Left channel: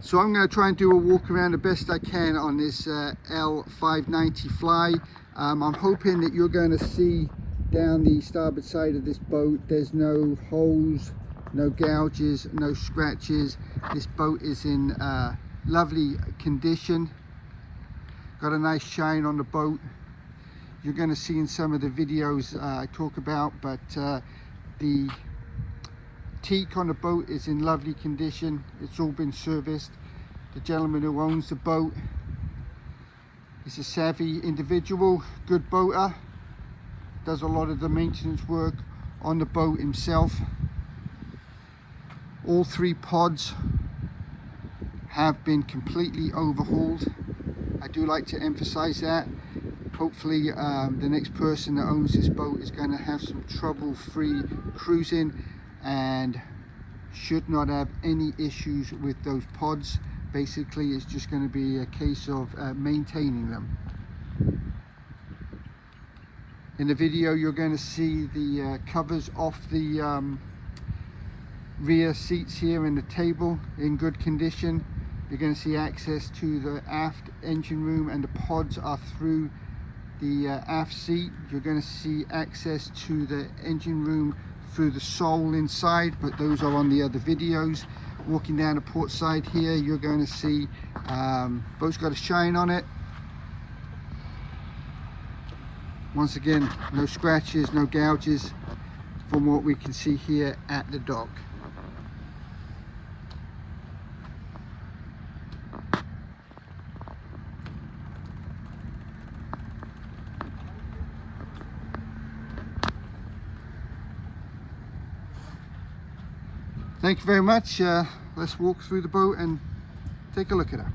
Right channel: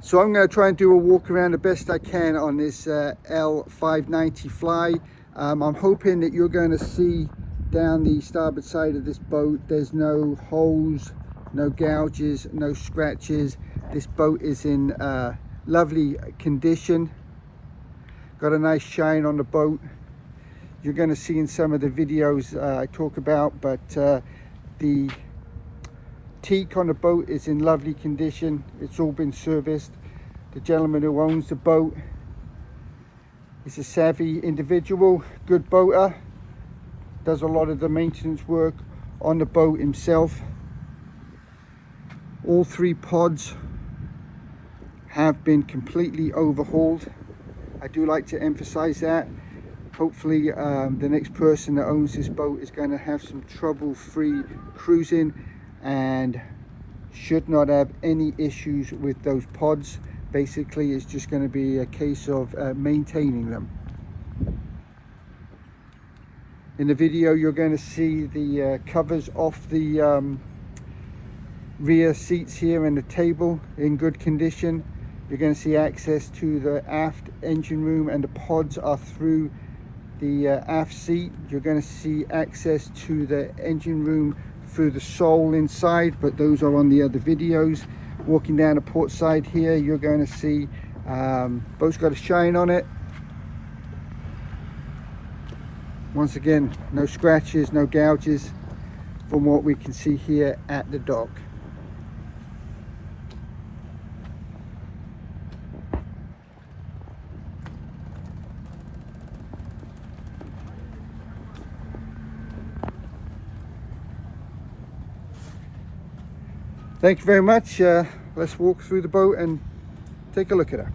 So I'm going to try and do a walk around the best I can on this L590 fly. I'm hoping that you're going to see down the starboard side of this boat there's no holes, no gouges, no scratches. This boat is in lovely condition, got a nice shine on the boat. You're going to see in some of the videos I talk about, but the teak on the boat is in lovely condition. It's all been serviced. The gentleman who owns the boat is a savvy individual, good boater, does a lot of the maintenance work on the boat himself. All 3 pods have been completely overhauled. I do like to emphasize that. Hopefully the next person that owns this boat is going to have some trouble-free cruising and should not have any issues with those pods. Basically, it's just going to be a case of maintaining them. In the video, you're going to see the covers off the rear seats here and the table in good condition. You're going to see access to the aft engine room, and the pods are through the aft seat. You're going to see access to the engine room through the sole inside, but those are on the other videos. Walking down the port side here, you're going to see boat's got a shine on it. Once again, no scratches, no gouges from what we can see here at the dock. Thank you very much. Let's walk through the boat and take a look at her.